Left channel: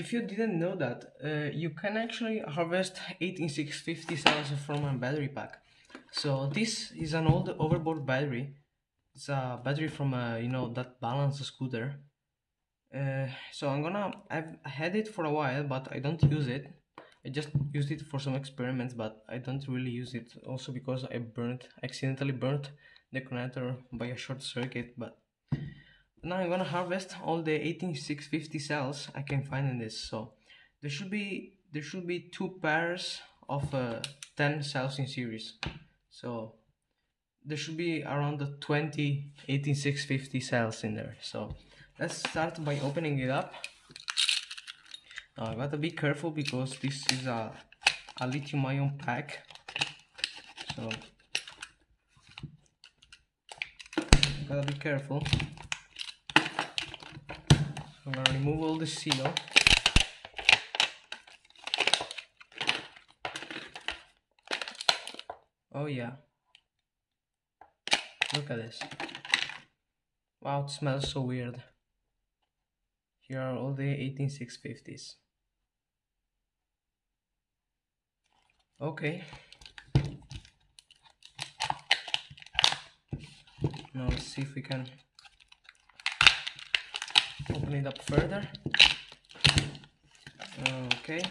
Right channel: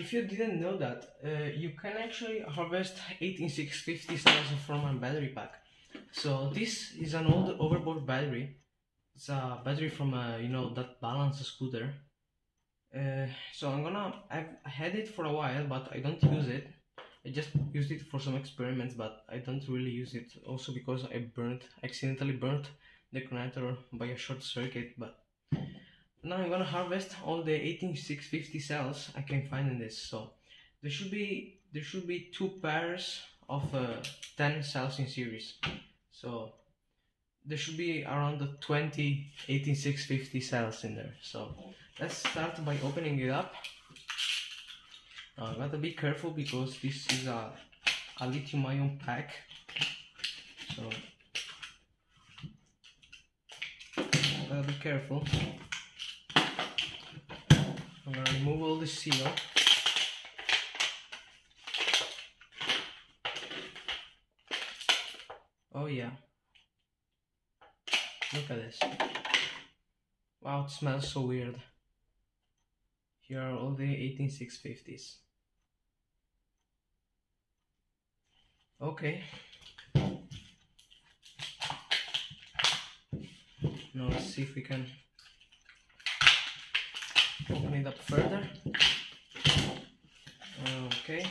If you didn't know that, you can actually harvest 18650 cells from a battery pack. So this is an old hoverboard battery. It's a battery from a, that balance scooter. So I've had it for a while, but I don't use it. I just used it for some experiments, but I don't really use it. Also because I accidentally burnt the connector by a short circuit. But now I'm gonna harvest all the 18650 cells I can find in this. So there should be 2 pairs of 10 cells in series. So there should be around the 20 18650 cells in there. So let's start by opening it up. Now I gotta be careful because this is a lithium-ion pack. So gotta be careful. I'm gonna remove all the seal. Oh yeah. Look at this. Wow, it smells so weird. Here are all the 18650s. Okay. Now let's see if we can open it up further. Okay.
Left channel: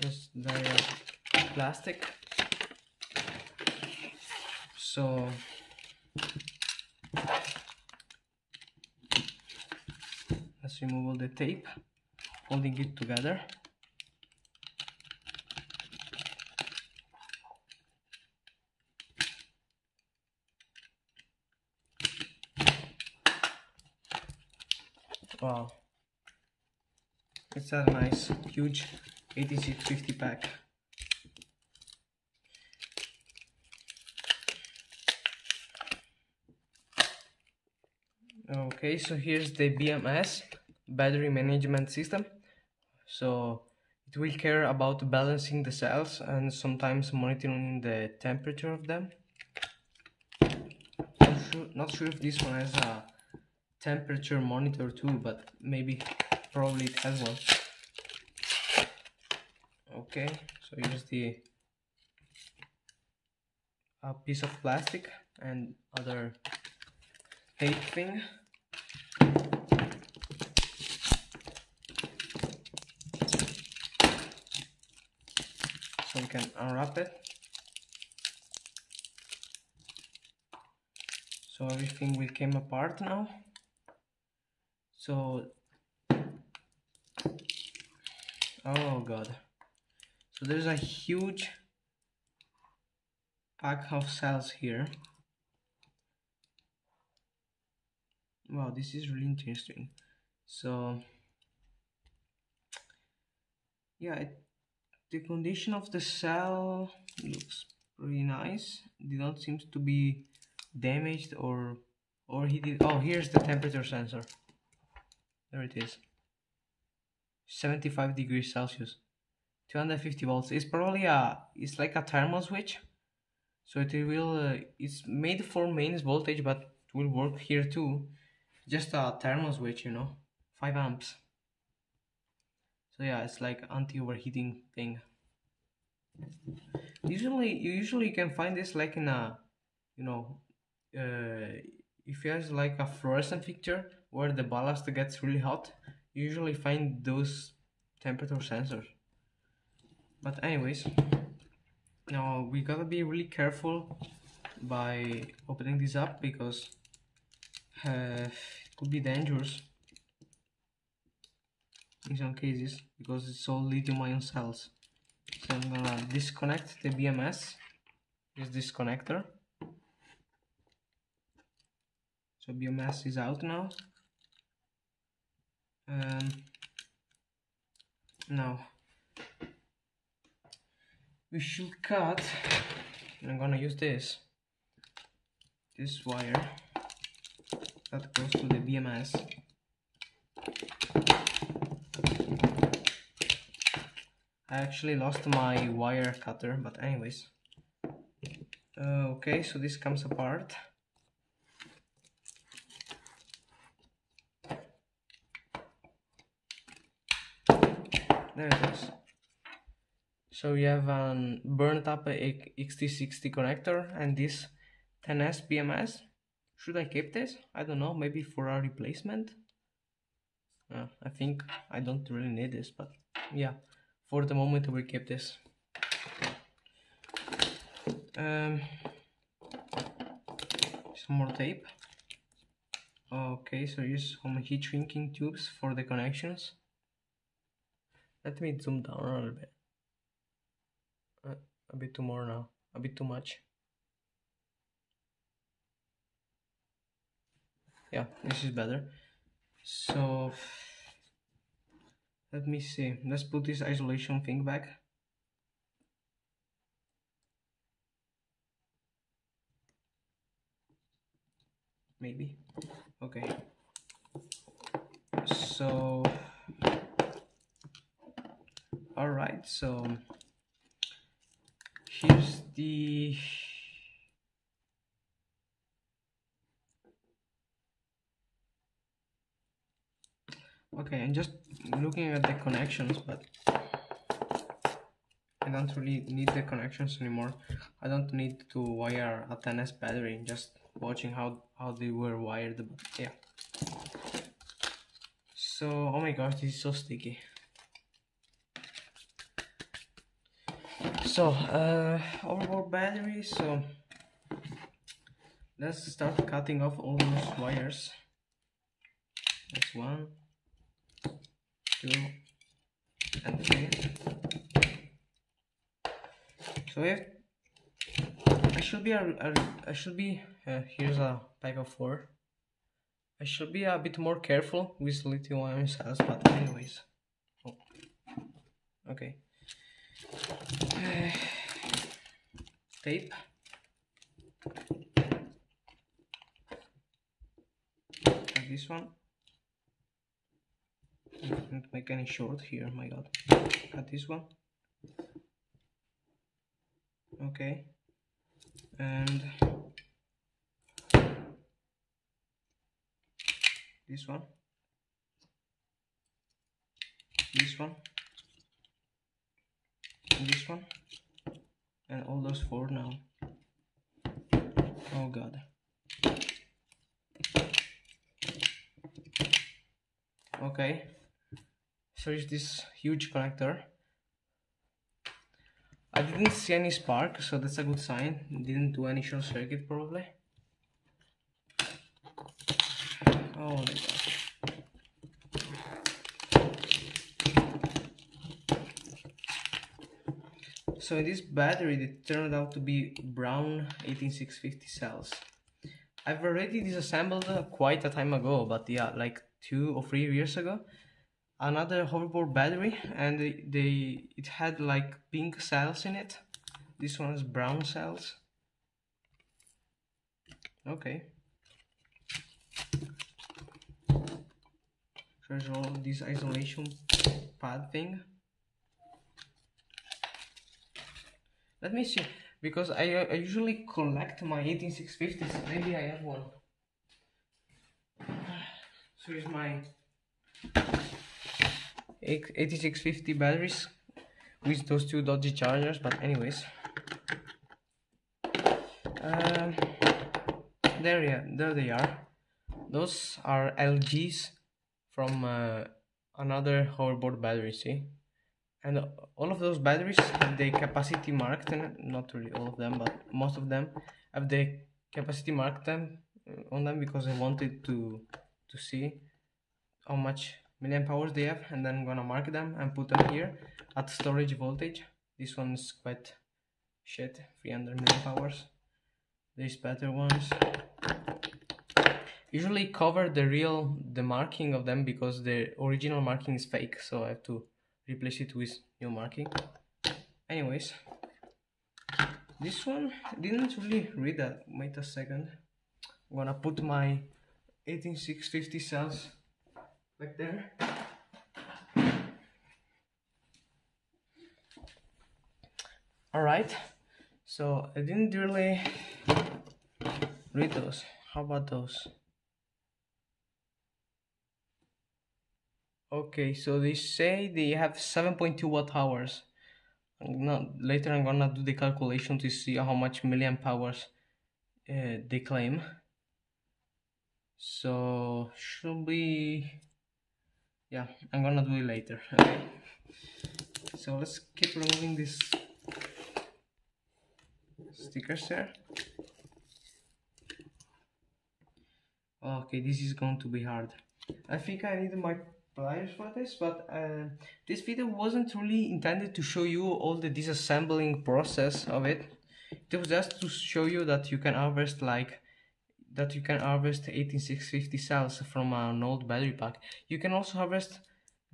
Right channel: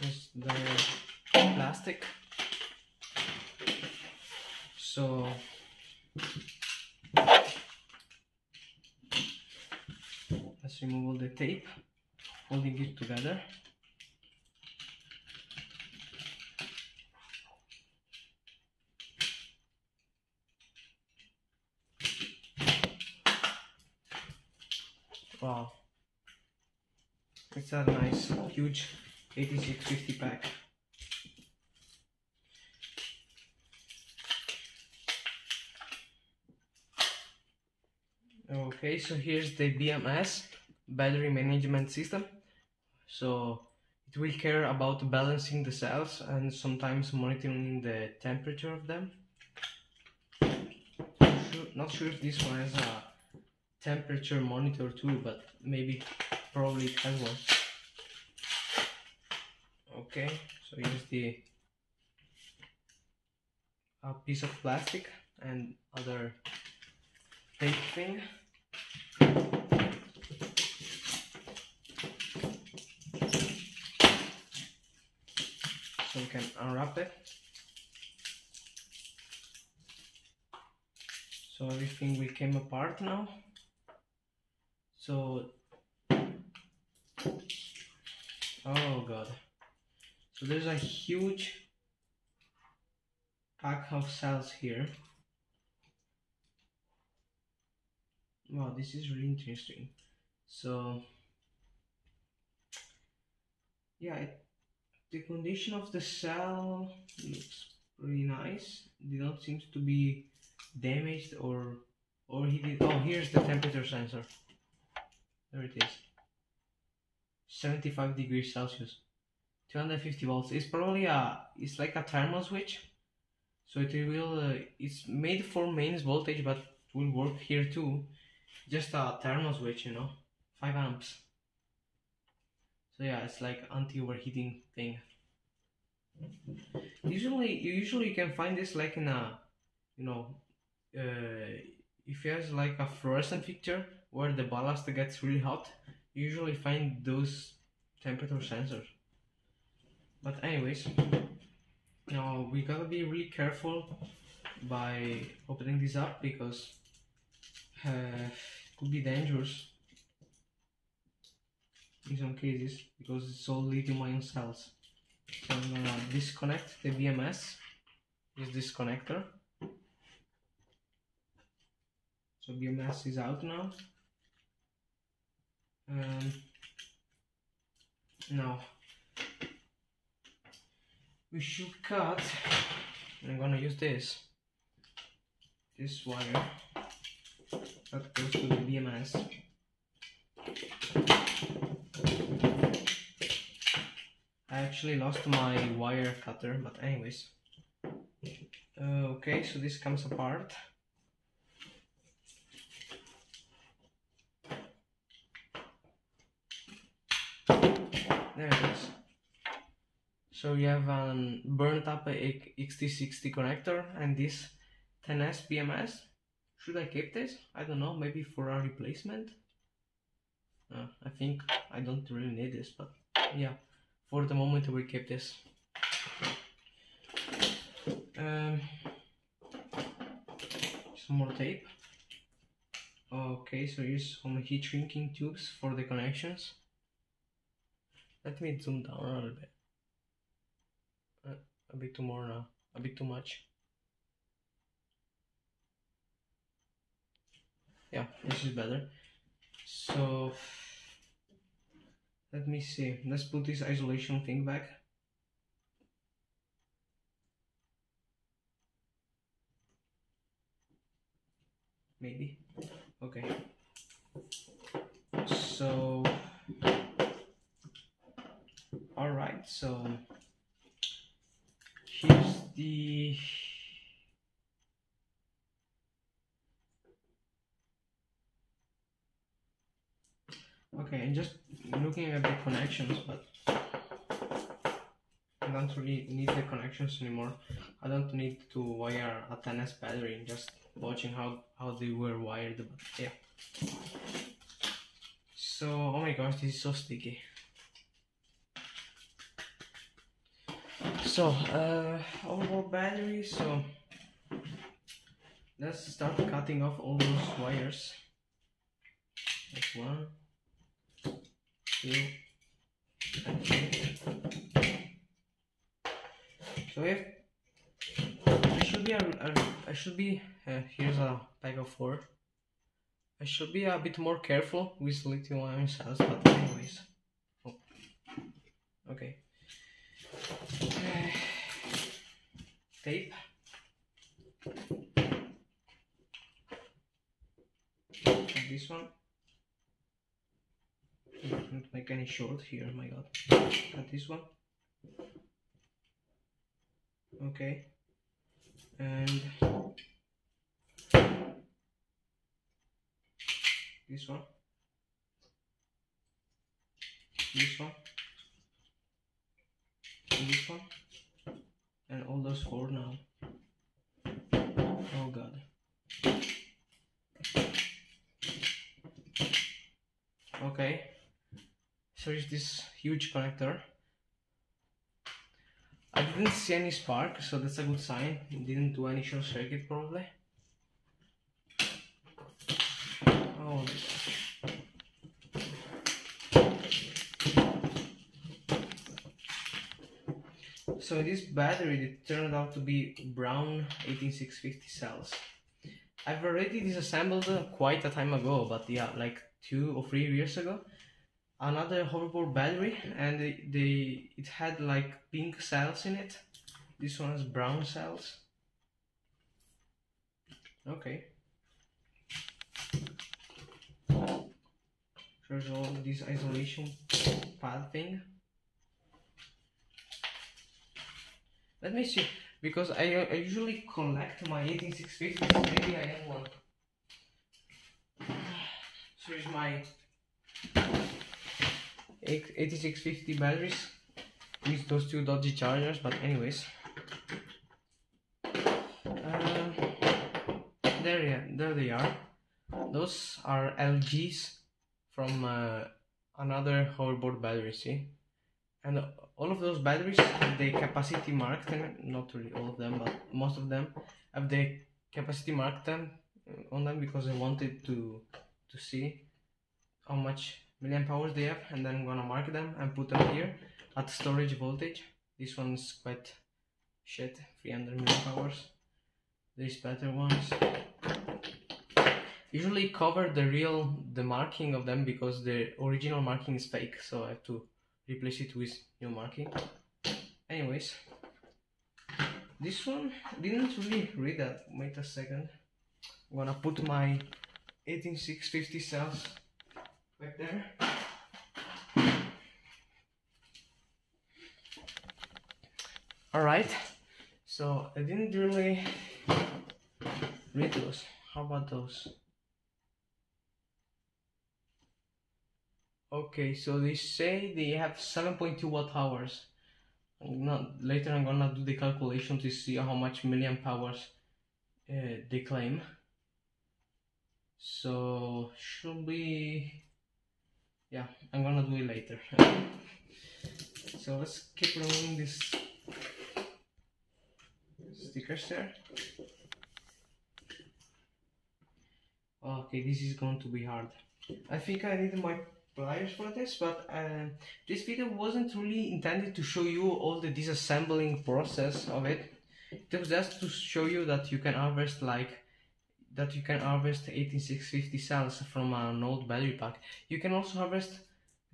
There's the plastic. So let's remove all the tape holding it together. Wow, it's a nice huge 8650 pack. Okay, so here's the BMS, battery management system. So it will care about balancing the cells and sometimes monitoring the temperature of them. Not sure if this one has a temperature monitor too, but probably it has one. Okay, so here's a piece of plastic and other tape thing. So we can unwrap it. So everything will came apart now. So, oh god. So there's a huge pack of cells here. Wow, this is really interesting. So yeah, the condition of the cell looks pretty nice. They don't seem to be damaged or heated. Oh, here's the temperature sensor. There it is. 75 degrees Celsius, 250 volts. It's probably it's like a thermal switch. So it will, it's made for mains voltage, but will work here too. Just a thermal switch, 5 amps. So yeah, it's like anti-overheating thing. Usually you can find this like in a, if you have like a fluorescent fixture where the ballast gets really hot, you usually find those temperature sensors. But anyways, now we gotta be really careful by opening this up because it could be dangerous in some cases because it's all lithium-ion cells. So I'm gonna disconnect the BMS, this connector. So BMS is out now. Now we should cut. I'm gonna use this wire that goes to the BMS. I actually lost my wire cutter, but anyways. Okay, so this comes apart. There it is. So you have an burnt up XT60 connector and this 10S BMS. Should I keep this? I don't know, maybe for a replacement. I think I don't really need this, but yeah, for the moment we keep this. Some more tape. Okay, so here's some heat shrinking tubes for the connections. Let me zoom down a little bit. A bit too more now, a bit too much. Yeah, this is better. So let me see, let's put this isolation thing back. Maybe. Okay. So alright, so here's the okay, I'm just looking at the connections, but I don't really need the connections anymore. I don't need to wire a 10S battery, just watching how they were wired, but yeah. So, oh my gosh, this is so sticky. So, overboard battery, so let's start cutting off all those wires. That's 1, 2, and 3. So if I should be here's a pack of 4. I should be a bit more careful with lithium-ion cells, but anyways. Oh. Okay. Tape. And this one. Don't make any short here, my god. Cut this one. Okay. And this one. This one. And this one. And all those 4 now. Oh god. Okay. So is this huge connector. I didn't see any spark, so that's a good sign. It didn't do any short circuit probably. Oh my god. So in this battery it turned out to be brown 18650 cells. I've already disassembled quite a time ago, but yeah, like 2 or 3 years ago. Another hoverboard battery, and it had like pink cells in it. This one has brown cells. Okay. There's all this isolation pad thing. Let me see, because I usually collect my 18650s. Maybe I have one. So here's my 8650 batteries with those 2 dodgy chargers, but anyways, there they are. Those are LGs from another hoverboard battery, see? And all of those batteries have the capacity marked, and not really all of them, but most of them have the capacity marked on them, because I wanted to see how much milliamp hours they have, and then I'm gonna mark them and put them here at storage voltage. This one's quite shit, 300 milliamp hours. These better ones usually cover the marking of them, because the original marking is fake, so I have to replace it with new marking. Anyways, this one didn't really read that. Wait a second. I'm gonna put my 18650 cells back there. Alright, so I didn't really read those. How about those? Okay, so they say they have 7.2 watt hours. Later I'm gonna do the calculation to see how much milliamp hours they claim. So should be, yeah, I'm gonna do it later. So let's keep removing these stickers there. Okay, this is going to be hard. I think I need my pliers for this, but this video wasn't really intended to show you all the disassembling process of it. It was just to show you that you can harvest 18650 cells from an old battery pack. You can also harvest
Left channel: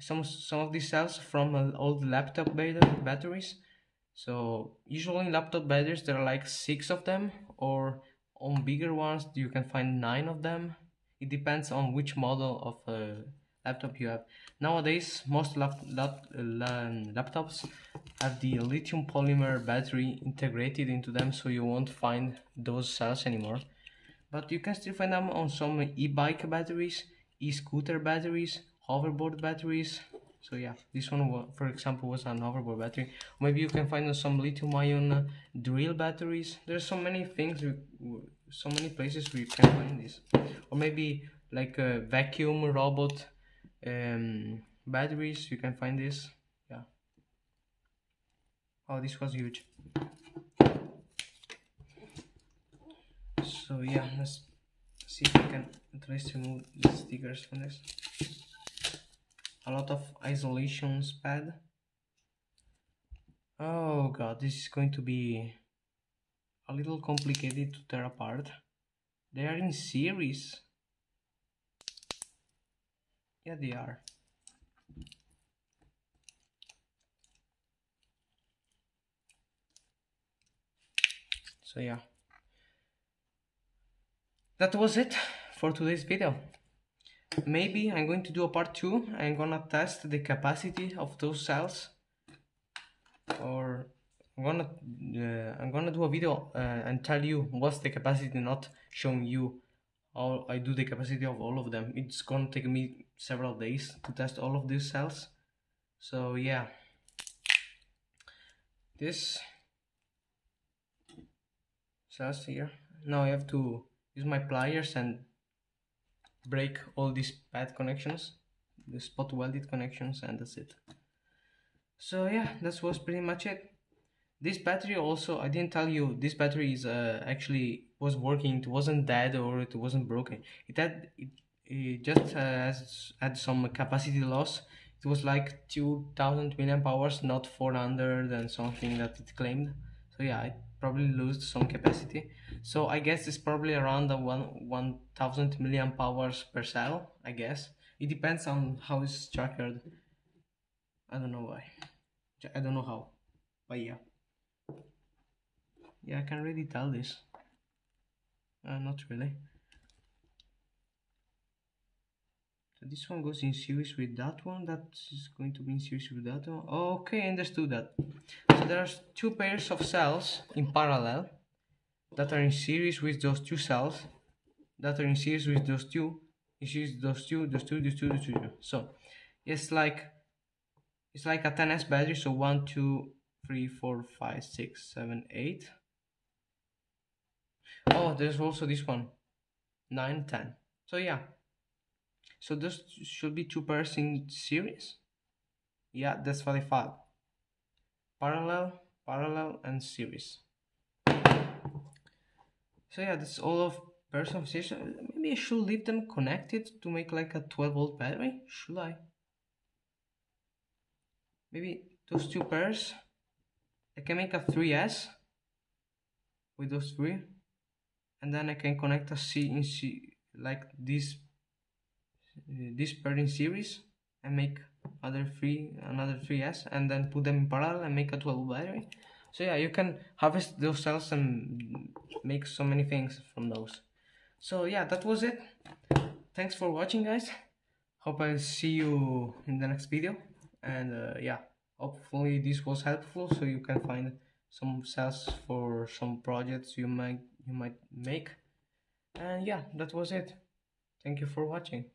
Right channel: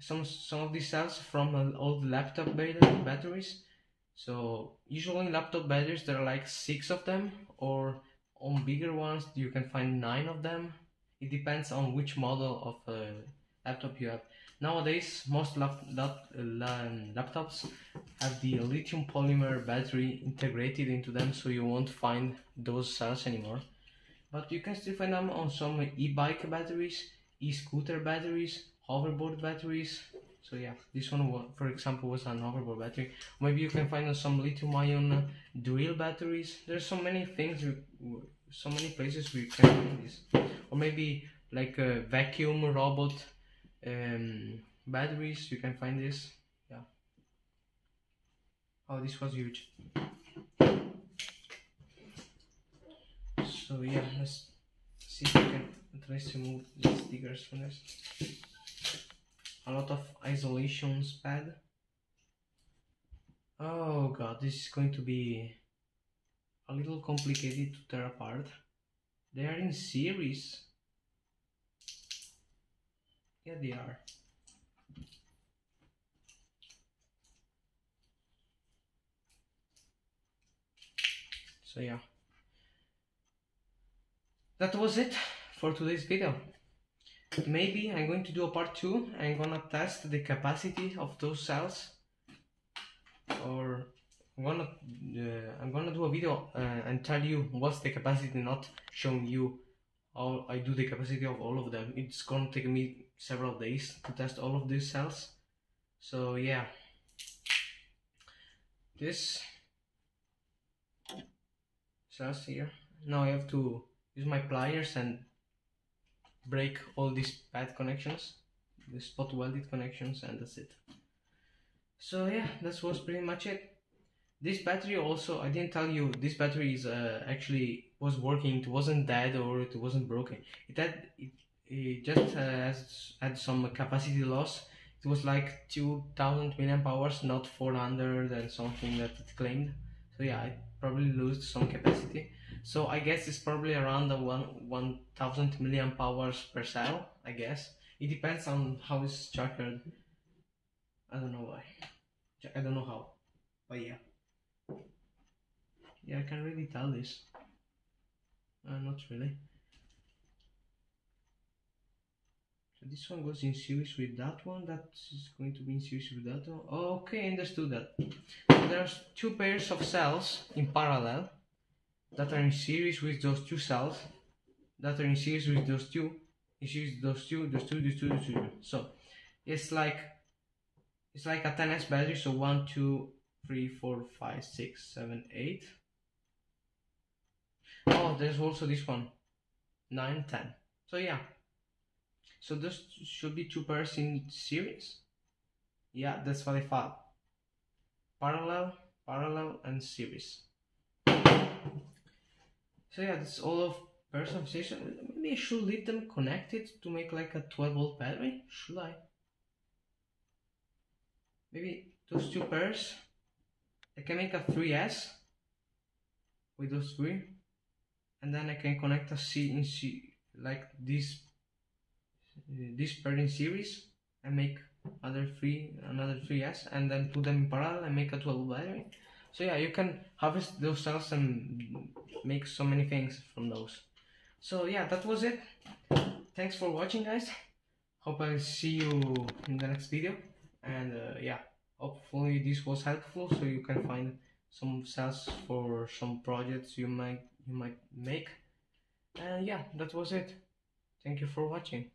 some of these cells from old laptop batteries. So usually laptop batteries there are like 6 of them, or on bigger ones you can find 9 of them. It depends on which model of laptop you have. Nowadays most laptops have the lithium polymer battery integrated into them, so you won't find those cells anymore. But you can still find them on some e-bike batteries, e-scooter batteries, hoverboard batteries. So yeah, this one, for example, was an hoverboard battery. Maybe you can find some lithium-ion drill batteries. There's so many things, so many places where you can find this. Or maybe like a vacuum robot batteries, you can find this. Yeah. Oh, this was huge. So yeah, let's see if I can at least remove the stickers from this. A lot of isolations pad. Oh god, this is going to be a little complicated to tear apart. They are in series. Yeah, they are. So yeah, that was it for today's video. Maybe I'm going to do a part 2. I'm gonna test the capacity of those cells, or I'm gonna do a video and tell you what's the capacity, not showing you how I do the capacity of all of them. It's gonna take me several days to test all of these cells. So yeah, this cells here. Now I have to use my pliers and break all these bad connections, the spot welded connections, and that's it. So yeah, that was pretty much it. This battery also, I didn't tell you, this battery is actually was working. It wasn't dead or it wasn't broken. It just had some capacity loss. It was like 2000 milliamp hours, not 400 and something that it claimed. So yeah, it probably lost some capacity. So I guess it's probably around the 1000 milliamp hours per cell, I guess. It depends on how it's structured. I don't know why. I don't know how, but yeah. Yeah, I can really tell this. Not really. So this one goes in series with that one. That is going to be in series with that one. Okay, I understood that. So there's 2 pairs of cells in parallel that are in series with those 2 cells that are in series with those 2, in series with those 2, those 2, those 2, those 2. So it's like a 10S battery. So 1, 2, 3, 4, 5, 6, 7, 8. Oh, there's also this one, 9, 10. So yeah, so those should be 2 pairs in series. Yeah, that's what I thought. Parallel and series. So yeah, that's all of pairs of series. Maybe I should leave them connected to make like a 12-volt battery. Should I? Maybe those 2 pairs, I can make a 3S with those 3, and then I can connect a like this pair in series and make another 3S, and then put them in parallel and make a 12 battery. So yeah, you can harvest those cells and make so many things from those. So yeah, that was it. Thanks for watching, guys. Hope I'll see you in the next video, and yeah, hopefully this was helpful so you can find some cells for some projects you might make. And yeah, that was it. Thank you for watching.